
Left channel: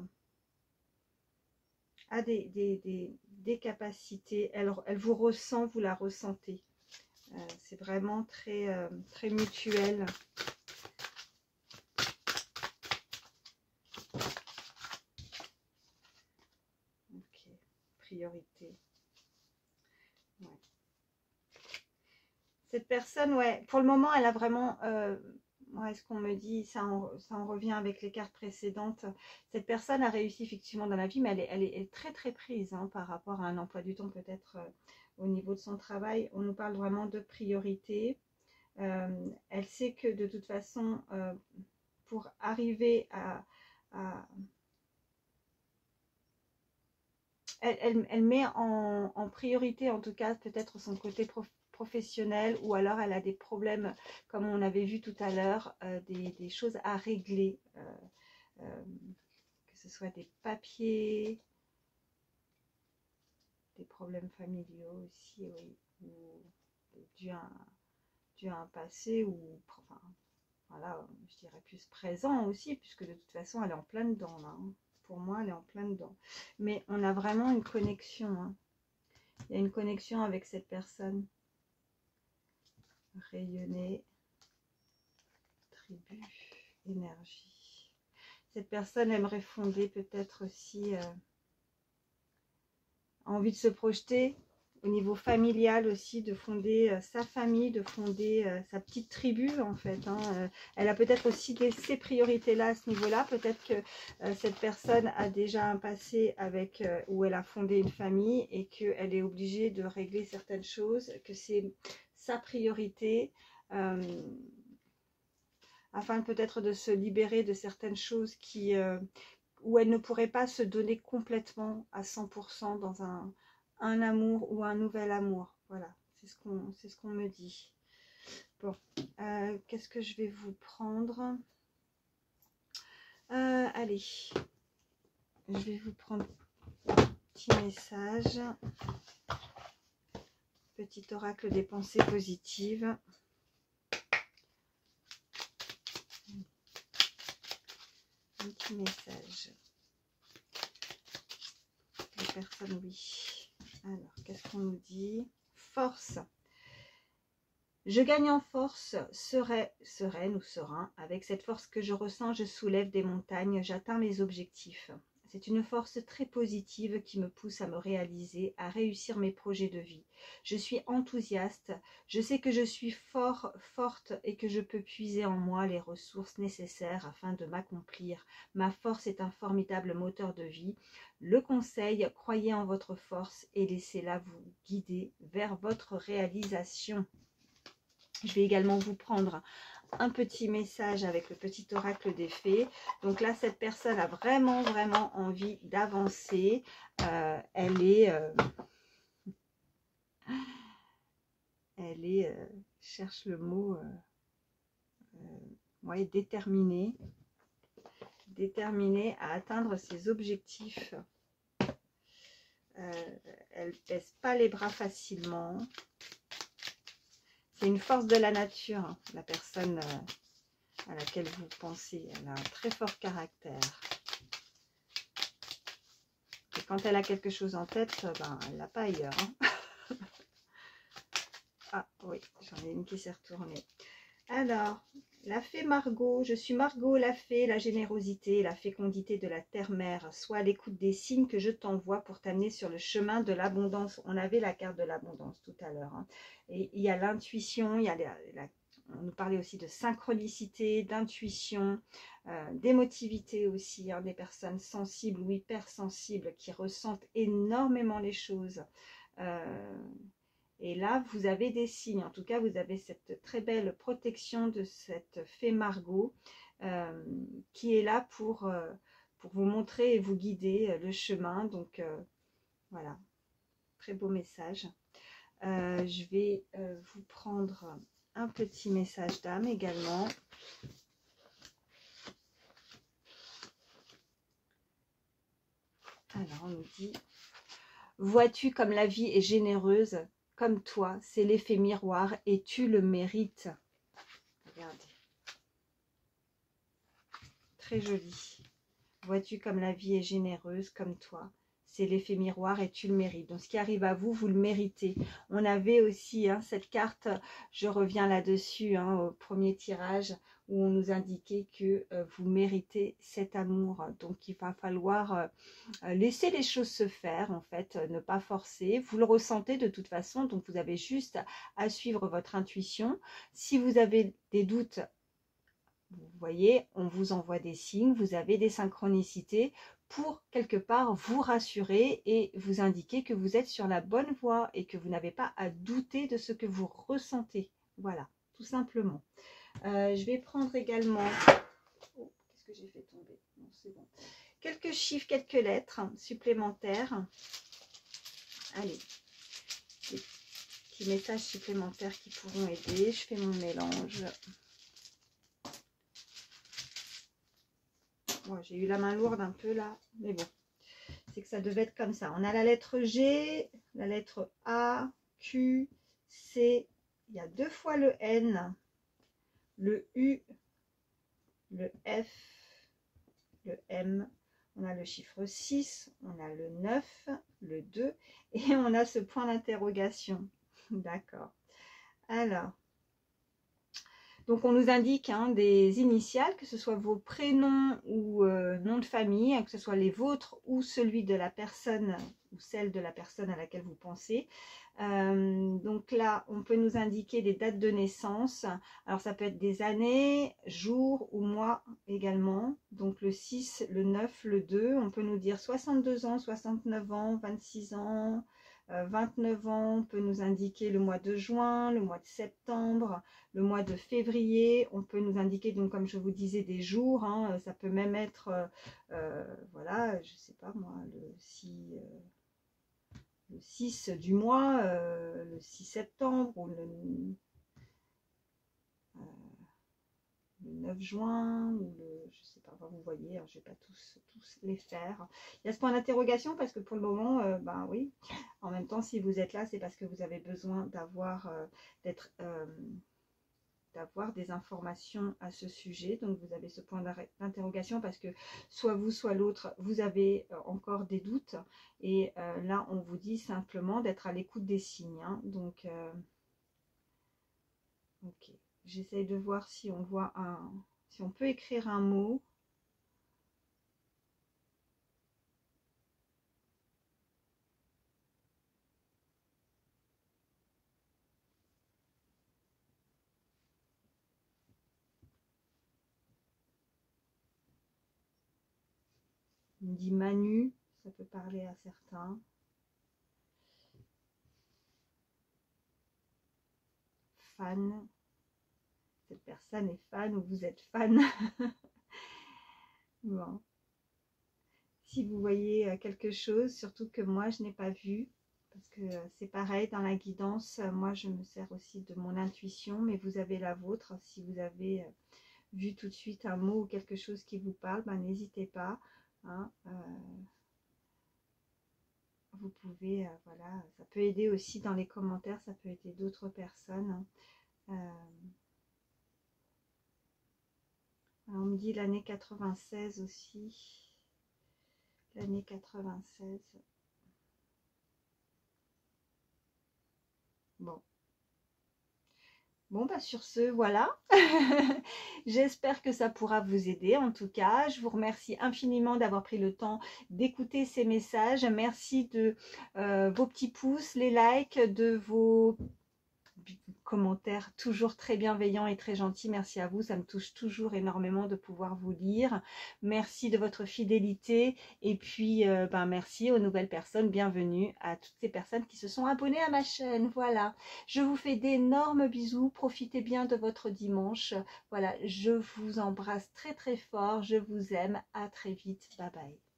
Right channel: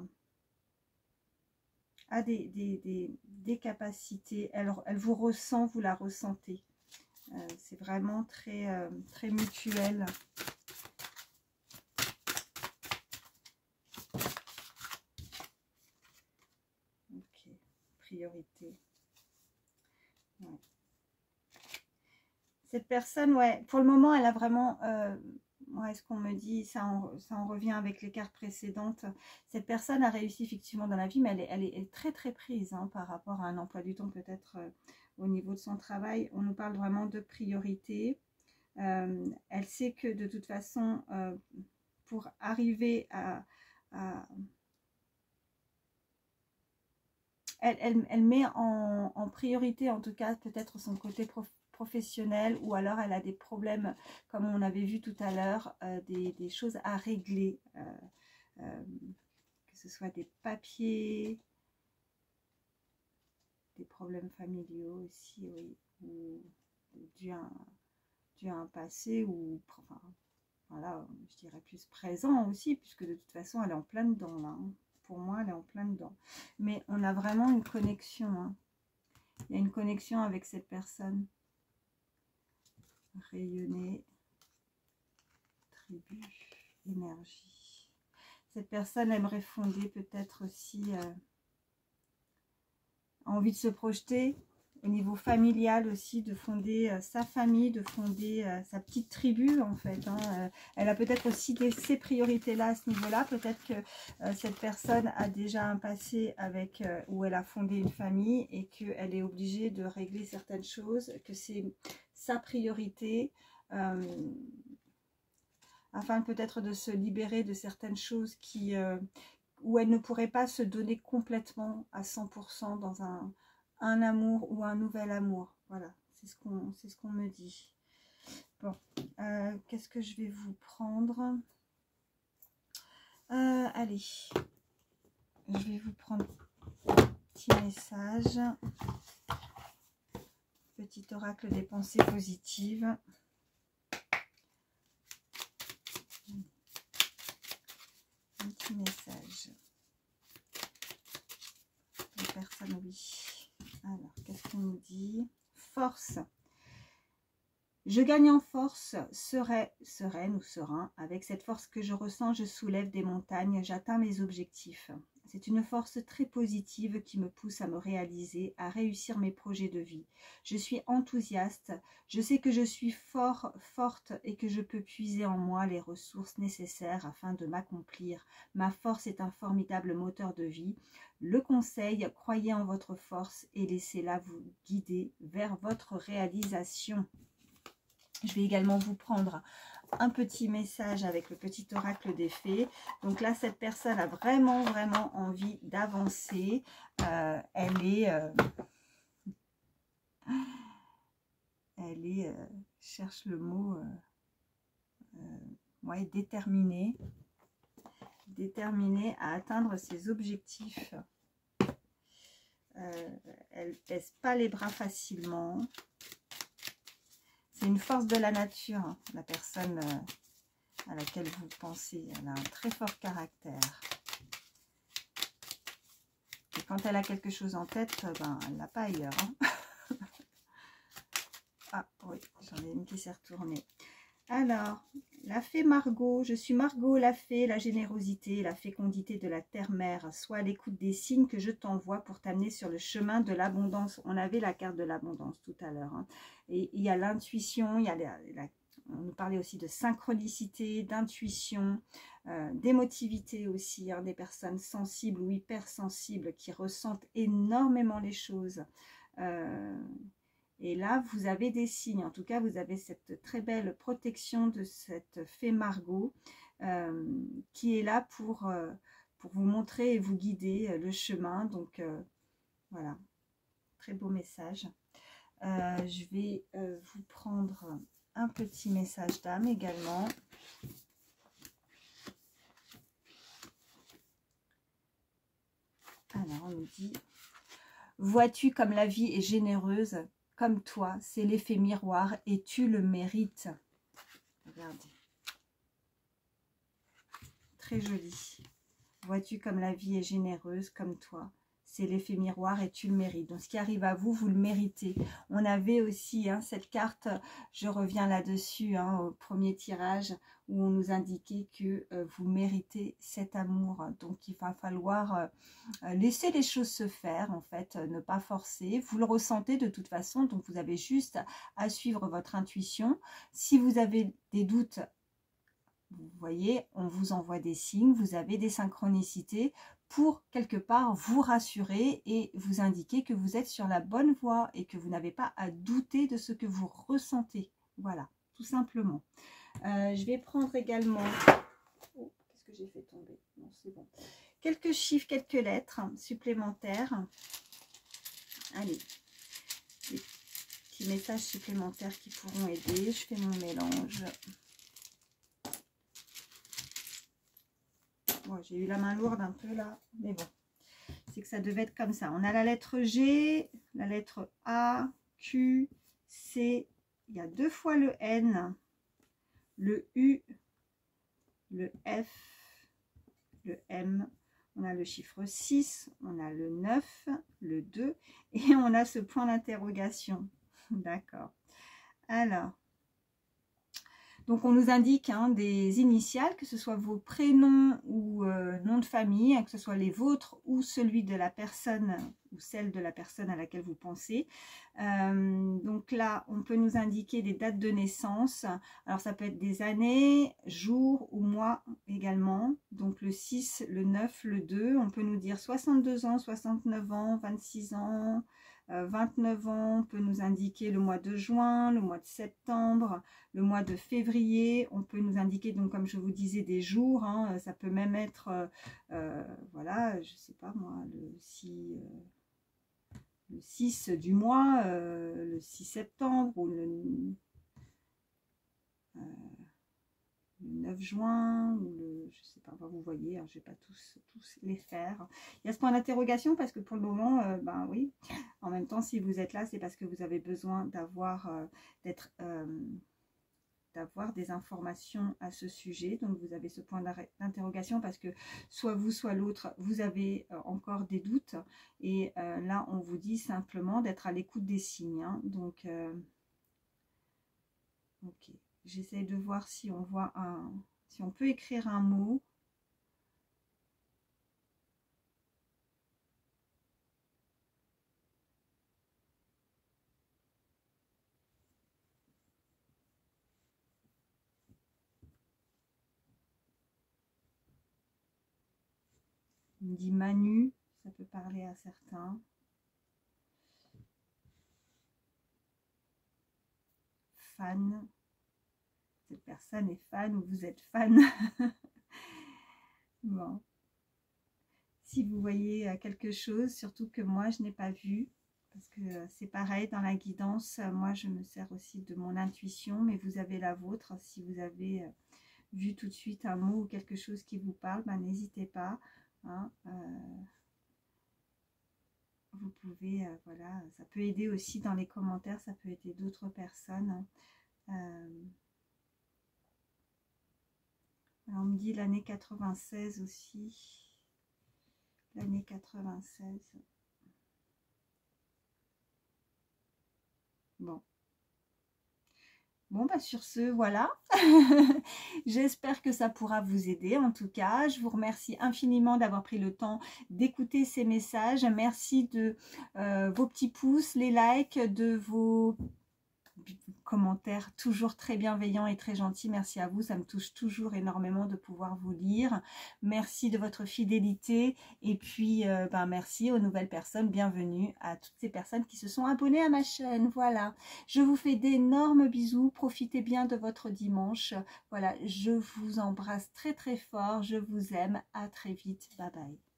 des capacités. Elle vous ressent, vous la ressentez. C'est vraiment très, très mutuel. Ok, priorité. Ouais. Cette personne, ouais, pour le moment, elle a vraiment... ouais, ce qu'on me dit, ça en revient avec les cartes précédentes. Cette personne a réussi effectivement dans la vie, mais elle est très très prise hein, par rapport à un emploi du temps peut-être au niveau de son travail. On nous parle vraiment de priorité. Elle sait que de toute façon, pour arriver elle met en priorité en tout cas peut-être son côté professionnel, ou alors elle a des problèmes comme on avait vu tout à l'heure, des choses à régler, que ce soit des papiers, des problèmes familiaux aussi, oui, ou dû à un passé, ou enfin, voilà, je dirais plus présent aussi, puisque de toute façon elle est en plein dedans là, hein. Pour moi elle est en plein dedans, mais on a vraiment une connexion, hein. Il y a une connexion avec cette personne. Rayonner, tribu, énergie. Cette personne aimerait fonder peut-être aussi envie de se projeter au niveau familial aussi, de fonder sa famille, de fonder sa petite tribu en fait, hein. Elle a peut-être aussi ces priorités-là à ce niveau-là. Peut-être que cette personne a déjà un passé avec où elle a fondé une famille et qu'elle est obligée de régler certaines choses, que c'est sa priorité. Afin peut-être de se libérer de certaines choses où elle ne pourrait pas se donner complètement à 100% dans un amour ou un nouvel amour. Voilà, c'est ce qu'on me dit. Bon, qu'est-ce que je vais vous prendre? Allez, je vais vous prendre un petit message. Petit oracle des pensées positives. Un petit message. Les personnes, oui. Alors, qu'est-ce qu'on nous dit? Force. Je gagne en force, sereine ou serein. Avec cette force que je ressens, je soulève des montagnes, j'atteins mes objectifs. C'est une force très positive qui me pousse à me réaliser, à réussir mes projets de vie. Je suis enthousiaste, je sais que je suis forte et que je peux puiser en moi les ressources nécessaires afin de m'accomplir. Ma force est un formidable moteur de vie. Le conseil, croyez en votre force et laissez-la vous guider vers votre réalisation. Je vais également vous prendre un petit message avec le petit oracle des fées. Donc là, cette personne a vraiment, vraiment envie d'avancer. Cherche le mot, ouais, déterminée à atteindre ses objectifs. Elle ne baisse pas les bras facilement. C'est une force de la nature, hein, la personne à laquelle vous pensez. Elle a un très fort caractère. Et quand elle a quelque chose en tête, ben, elle ne l'a pas ailleurs. Hein. Ah oui, j'en ai une qui s'est retournée. Alors, la fée Margot, je suis Margot, la fée, la générosité, la fécondité de la terre-mère. Sois à l'écoute des signes que je t'envoie pour t'amener sur le chemin de l'abondance. On avait la carte de l'abondance tout à l'heure. Hein. Et il y a l'intuition, il y a on nous parlait aussi de synchronicité, d'intuition, d'émotivité aussi, hein, des personnes sensibles ou hypersensibles qui ressentent énormément les choses. Et là, vous avez des signes. En tout cas, vous avez cette très belle protection de cette fée Margot qui est là pour vous montrer et vous guider le chemin. Donc, voilà, très beau message. Je vais vous prendre un petit message d'âme également. Alors, on nous dit, vois-tu comme la vie est généreuse ? Comme toi, c'est l'effet miroir et tu le mérites. Regardez. Très joli. Vois-tu comme la vie est généreuse, comme toi. C'est l'effet miroir et tu le mérites. Donc, ce qui arrive à vous, vous le méritez. On avait aussi hein, cette carte, je reviens là-dessus, hein, au premier tirage, où on nous indiquait que vous méritez cet amour. Donc, il va falloir laisser les choses se faire, en fait, ne pas forcer. Vous le ressentez de toute façon, donc vous avez juste à suivre votre intuition. Si vous avez des doutes, vous voyez, on vous envoie des signes, vous avez des synchronicités pour quelque part vous rassurer et vous indiquer que vous êtes sur la bonne voie et que vous n'avez pas à douter de ce que vous ressentez. Voilà, tout simplement. Je vais prendre également... Oh, qu'est-ce que j'ai fait tomber? Non, c'est bon. Quelques chiffres, quelques lettres supplémentaires. Allez, des petits messages supplémentaires qui pourront aider. Je fais mon mélange. Bon, j'ai eu la main lourde un peu là, mais bon, c'est que ça devait être comme ça. On a la lettre G, la lettre A, Q, C, il y a 2 fois le N, le U, le F, le M, on a le chiffre 6, on a le 9, le 2, et on a ce point d'interrogation. D'accord. Alors, donc, on nous indique hein, des initiales, que ce soit vos prénoms ou nom de famille, hein, que ce soit les vôtres ou celui de la personne ou celle de la personne à laquelle vous pensez. Donc là, on peut nous indiquer des dates de naissance. Alors, ça peut être des années, jours ou mois également. Donc, le 6, le 9, le 2. On peut nous dire 62 ans, 69 ans, 26 ans, 29 ans. On peut nous indiquer le mois de juin, le mois de septembre, le mois de février. On peut nous indiquer, donc comme je vous disais, des jours. Hein, ça peut même être, voilà, je sais pas moi, le 6 du mois, le 6 septembre ou le 9 juin, ou je sais pas, vous voyez, hein, je ne vais pas tous les faire. Il y a ce point d'interrogation parce que pour le moment, ben oui, en même temps, si vous êtes là, c'est parce que vous avez besoin d'avoir des informations à ce sujet. Donc vous avez ce point d'interrogation parce que soit vous, soit l'autre, vous avez encore des doutes. Et là, on vous dit simplement d'être à l'écoute des signes. Hein. Donc, ok. J'essaye de voir si on voit si on peut écrire un mot. On me dit Manu, ça peut parler à certains. Fan. cette personne est fan ou vous êtes fan. Bon. Si vous voyez quelque chose, surtout que moi je n'ai pas vu, parce que c'est pareil dans la guidance, moi je me sers aussi de mon intuition, mais vous avez la vôtre. Si vous avez vu tout de suite un mot ou quelque chose qui vous parle, ben, n'hésitez pas. Hein, vous pouvez, voilà, ça peut aider aussi dans les commentaires, ça peut aider d'autres personnes. Alors on me dit l'année 96 aussi. L'année 96. Bon. Bon, bah sur ce, voilà. J'espère que ça pourra vous aider. En tout cas, je vous remercie infiniment d'avoir pris le temps d'écouter ces messages. Merci de vos petits pouces, les likes, de vos commentaires toujours très bienveillants et très gentils. Merci à vous, ça me touche toujours énormément de pouvoir vous lire. Merci de votre fidélité et puis merci aux nouvelles personnes. Bienvenue à toutes ces personnes qui se sont abonnées à ma chaîne. Voilà, je vous fais d'énormes bisous, profitez bien de votre dimanche. Voilà, je vous embrasse très très fort, je vous aime, à très vite, bye bye.